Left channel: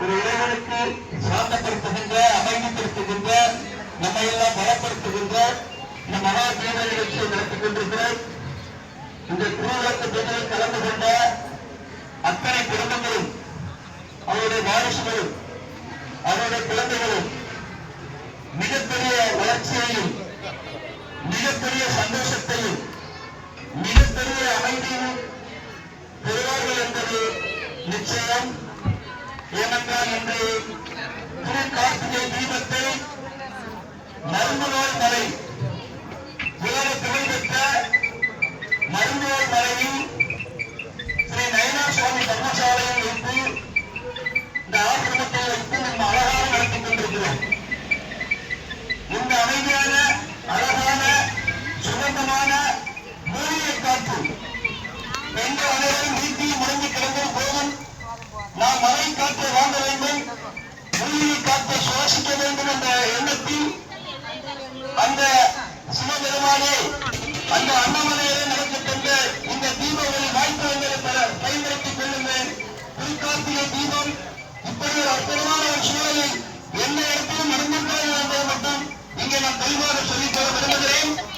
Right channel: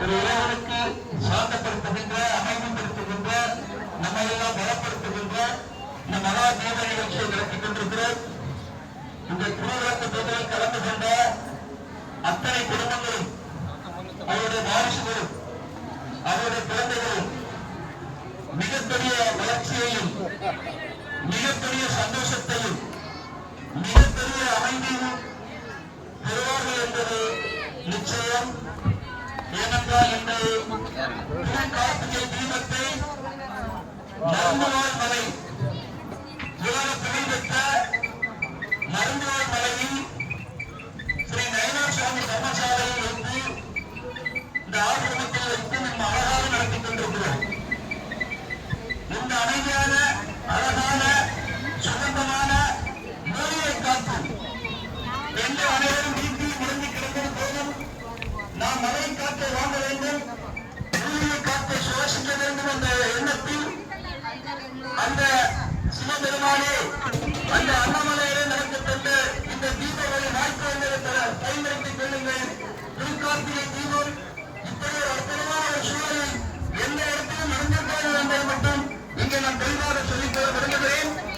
ஒரு இறைவனுக்கு சாந்தப்படுத்துகின்ற, அமைதிப்படுத்துகின்ற, நம்மை எல்லாம் பலப்படுத்துகின்ற இந்த மகா தீப நிகழ்ச்சியை நடத்திக் கொண்டிருக்கிறோம். இந்த திருவிழாக்கு தொகுதியில் கலந்து கொண்ட அத்தனை குடும்பங்களும், அவருடைய வாரிசுகளும், அவருடைய குழந்தைகளும் மிகப்பெரிய வளர்ச்சியையும், மிகப்பெரிய சந்தோஷத்தையும், மிகப்பெரிய அமைதியும் பெறுவார்கள் என்பது நிச்சயம். ஏனென்றால் இன்று திருக்கார்த்திகை தீபத்தை மருந்துவாய் மலை, உலக புகழ்பெற்ற மருந்துவாய் மலையில் ஸ்ரீ நயனார் சுவாமி தர்மசாலையில் வைத்து இந்த ஆசிரமத்தை வைத்து நம்ம அழகாக நடத்திக் கொண்டிருக்கிறோம். இந்த அமைதியான, அழகான, சுகந்தமான மூலிகை காற்று எந்த அனைவரும் வீட்டில் முடங்கி கிடந்தது போதும் நாம் மழை காற்றை வாங்க வேண்டும், மூலிகை காற்றை சுவாசிக்க வேண்டும் என்ற எண்ணத்தில் அந்த சிவபெருமானே அந்த அண்ணாமலையிலே நடக்கப்பட்ட இந்த தீபாவளி வாய்ப்பு எங்களை பயன்படுத்திக் கொள்ளுங்கள். திருக்கார்த்திகை தீபம் இப்படி ஒரு அற்புதமான ஒரு சூழலில் எந்த இடத்திலும் நடந்திருக்காது என்பதை மட்டும் இங்கே நான் தெளிவாக சொல்லித்தர விரும்புகிறேன்.